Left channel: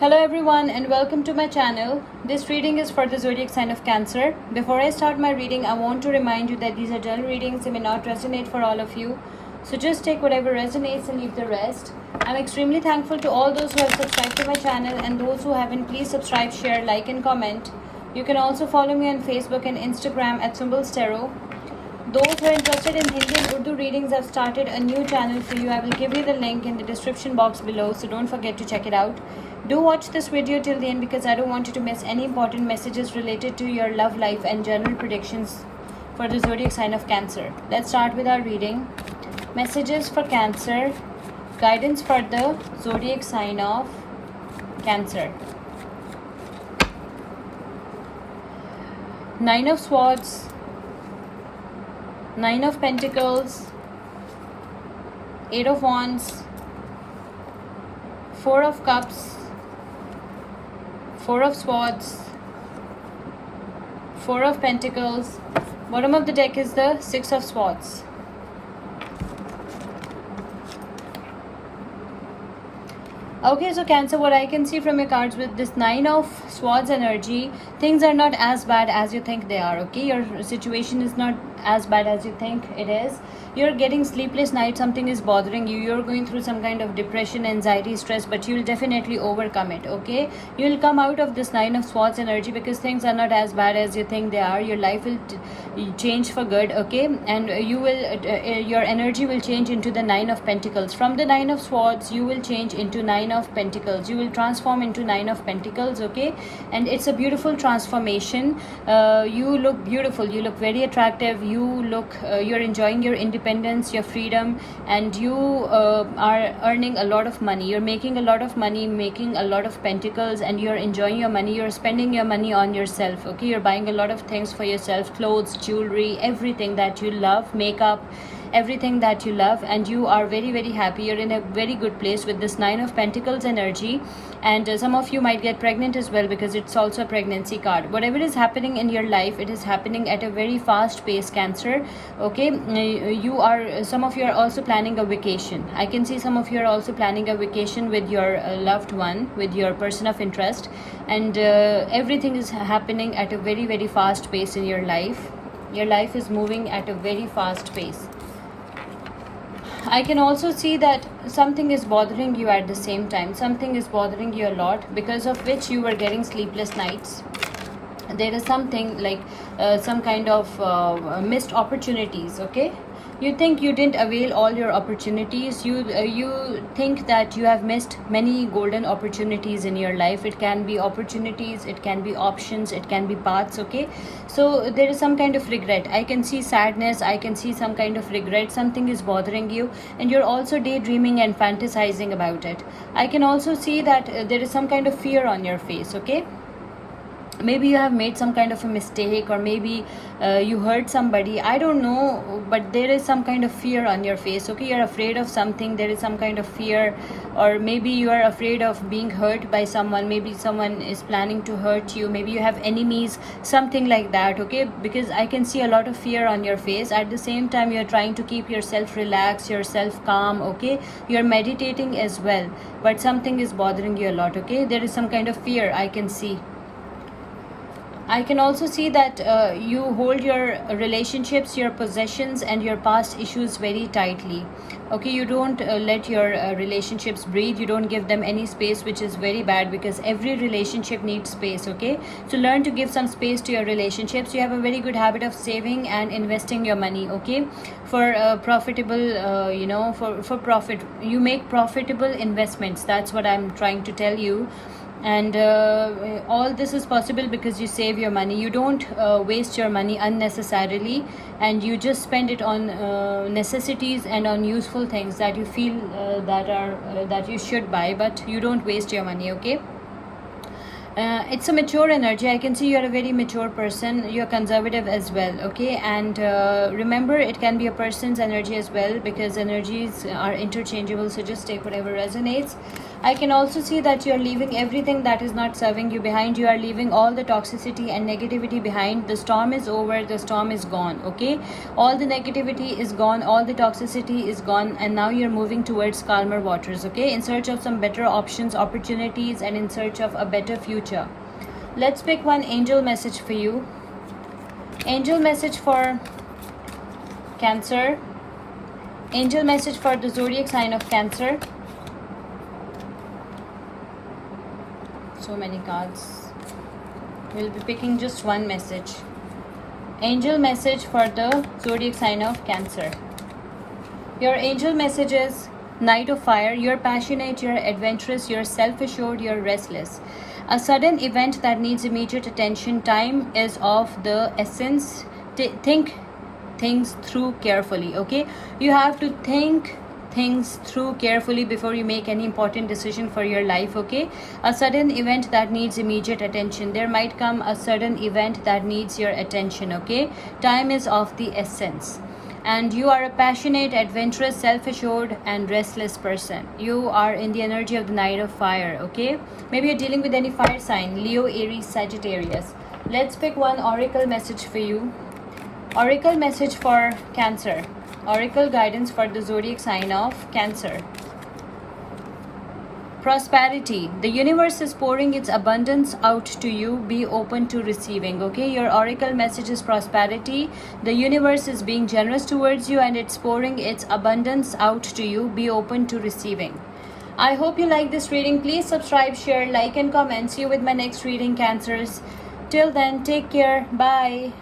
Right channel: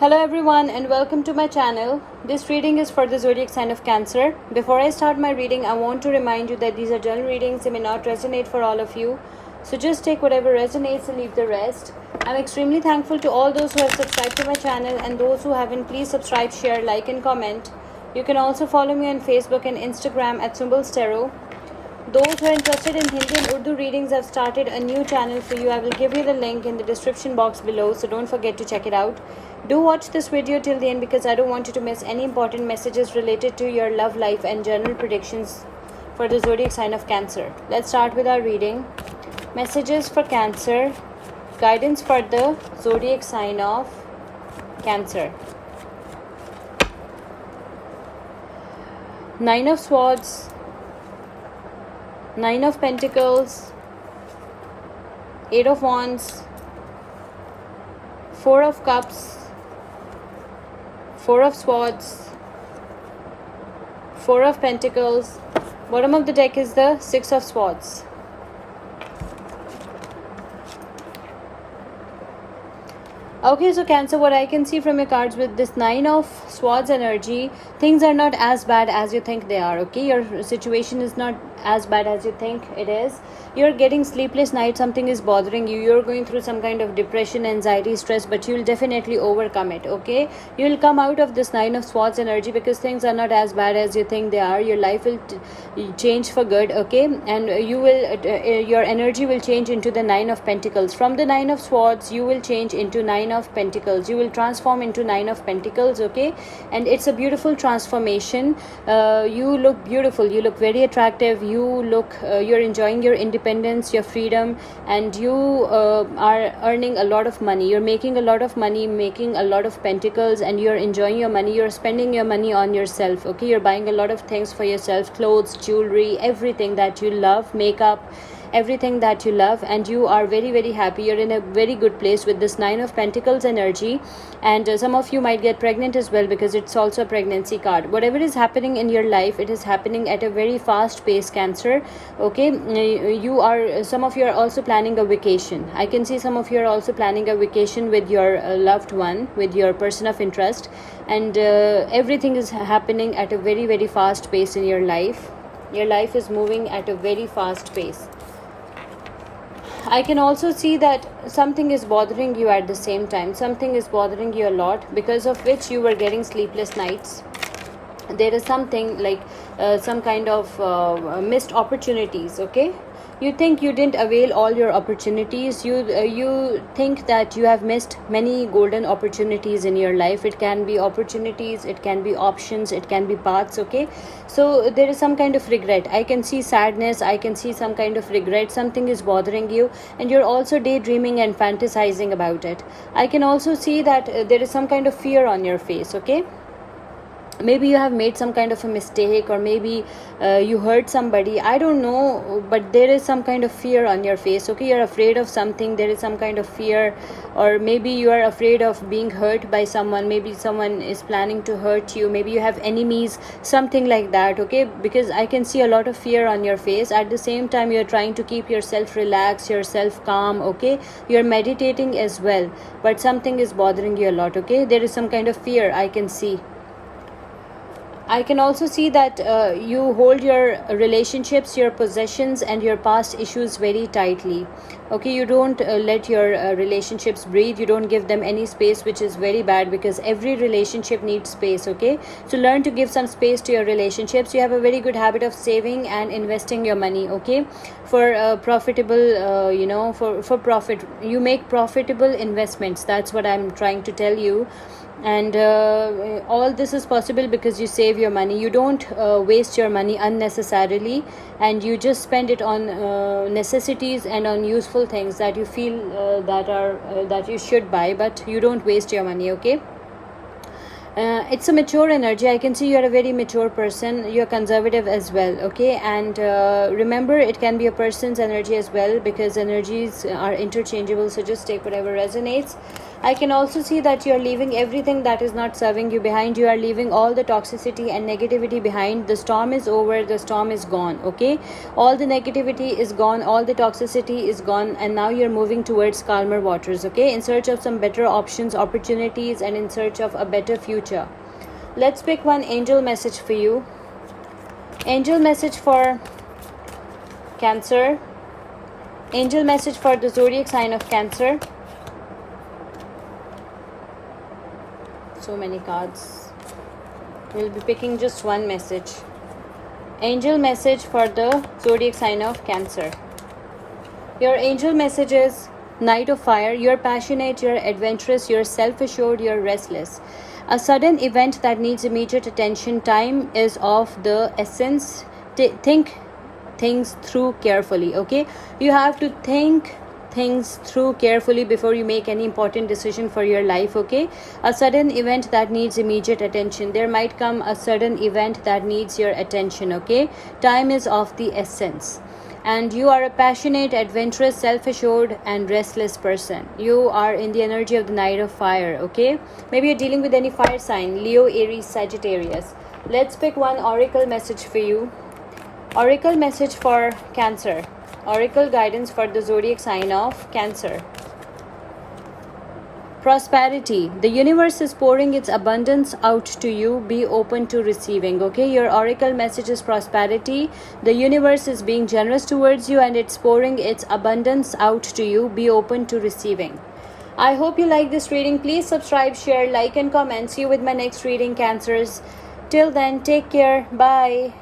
Hello everyone and welcome to my channel. This reading is for the zodiac sign of Cancer. Before I start my reading, I want to remind you that these are general readings. They may not resonate for all of you. So just take whatever resonates and leave the rest. I'm extremely thankful to all those who have subscribed to my channel, and those who haven't, please subscribe, share, like and comment. You can also follow me on Facebook and Instagram at Symbols Tarot. Those who are interested in Hindi and Urdu readings, I've started a new channel for you. I will give you the link in the description box below, so don't forget to check it out. Do watch this video till the end because I don't want you to miss any important messages related to your love life and general predictions for the zodiac sign of Cancer. Let's start with our reading. Messages for Cancer, guidance for the zodiac sign of Cancer. Nine of Swords, Nine of Pentacles, Eight of Wands, Four of Cups, Four of Swords, Four of Pentacles. Bottom of the deck is the Six of Swords. Okay, so Cancer, what I can see from your cards with this Nine of Swords energy, things are not as bad as you think they are, okay? Your situation is not as bad as you think it is. You're getting sleepless nights, something is bothering you, you're going through some kind of depression, anxiety, stress, but you'll definitely overcome it, okay? You'll come out of this Nine of Swords energy because things are not as bad as you think they are. Your life will change for good, okay? And you will your energy will change into the Nine of Pentacles. From the Nine of Swords, you will change into Nine of Pentacles. You will transform into Nine of Pentacles, okay? And it's a beautiful transformation. You look beautiful, you look very attractive, you look you're enjoying your independence, your freedom, and you are earning a lot of money. You're making a lot of money, making a lot of pentacles, and you're enjoying your money. You're spending your money on yourself, okay? You're buying a lot of things for yourself, clothes, jewelry, everything that you love, makeup, everything that you love, and you are very, very happy. You're in a very good place with this Nine of Pentacles energy. And some of you might get pregnant as well because it's also a pregnancy card. Whatever is happening in your life, it is happening at a very fast pace, Cancer, okay? You are, some of you are also planning a vacation. I can see some of you are also planning a vacation with your loved one, with your person of interest, and everything is happening at a very, very fast pace in your life. Your life is moving at a very fast pace. I can also see that something is bothering you at the same time. Something is bothering you a lot, because of which you were getting sleepless nights. There is something like some kind of missed opportunities, okay? You think you didn't avail all your opportunities. You think that you have missed many golden opportunities in your life. It can be opportunities, it can be options, it can be paths, okay? So there is some kind of regret. I can see sadness, I can see some kind of regret. Something is bothering you, and you're also daydreaming and fantasizing about it. I can also see that there is some kind of fear on your face, okay? Maybe you have made some kind of a mistake, or maybe you hurt somebody, I don't know, but there is some kind of fear on your face, okay? You're afraid of something, there is some kind of fear, or maybe you are afraid of being hurt by someone. Maybe someone is planning to hurt you, maybe you have enemies, something like that, okay? Because I can see a lot of fear on your face. At the same time, you're trying to keep yourself relaxed, yourself calm, okay? You're meditating as well, but something is bothering you a lot, okay? There is some kind of fear I can see. I can also see that you hold your relationships, your possessions, and your past issues very tightly. Okay, you don't let your relationships breathe. You don't give them any space, which is very bad, because every relationship needs space, okay? So learn to give some space to your relationships. You have a very good habit of saving and investing your money, okay? For profitable, for profit. You make profitable investments. That's what I'm trying to tell you. And all this is possible because you save your money. You don't waste your money unnecessarily, and you just spend it on necessities and on useful things that you feel that you should buy, but you don't waste your money, okay? It's a mature energy. I can see you're a very mature person. You're conservative as well, okay? And remember, it can be a person's energy as well, because energies are interchangeable. So just take whatever resonates. I can also see that you are leaving everything that is not serving you behind. You are leaving all the toxicity and negativity behind. The storm is over, the storm is gone, okay? All the negativity is gone, all the toxicity is gone, and now you're moving towards calmer waters, okay? In search of some better options, opportunities, and in search of a better future. Let's pick one angel message for you. Angel message for Cancer. Angel message for the zodiac sign of Cancer. So many cards. We'll be picking just one message. Angel message for the zodiac sign of Cancer. Your angel message is Knight of Fire. You're passionate, you're adventurous, you're self-assured, you're restless. A sudden event that needs immediate attention. Time is of the essence. Think things through carefully, okay? You have to think things through carefully before you make any important decision for your life, okay? A sudden event that needs immediate attention. There might come a sudden event that needs your attention, okay? Time is of the essence. And you are a passionate, adventurous, self-assured, and restless person. You are in the energy of the Knight of Fire, okay? Maybe you're dealing with any fire sign, Leo, Aries, Sagittarius. Let's pick one oracle message for you. Oracle message for Cancer. Oracle guidance for the zodiac sign of Cancer. Prosperity. The universe is pouring its abundance out to you. Be open to receiving, okay? Your oracle message is prosperity. The universe is being generous towards you and it's pouring its abundance out to you. Be open to receiving. I hope you like this reading. Please subscribe, share, like, and comment. See you with my next reading, Cancers. Till then, take care. Bye.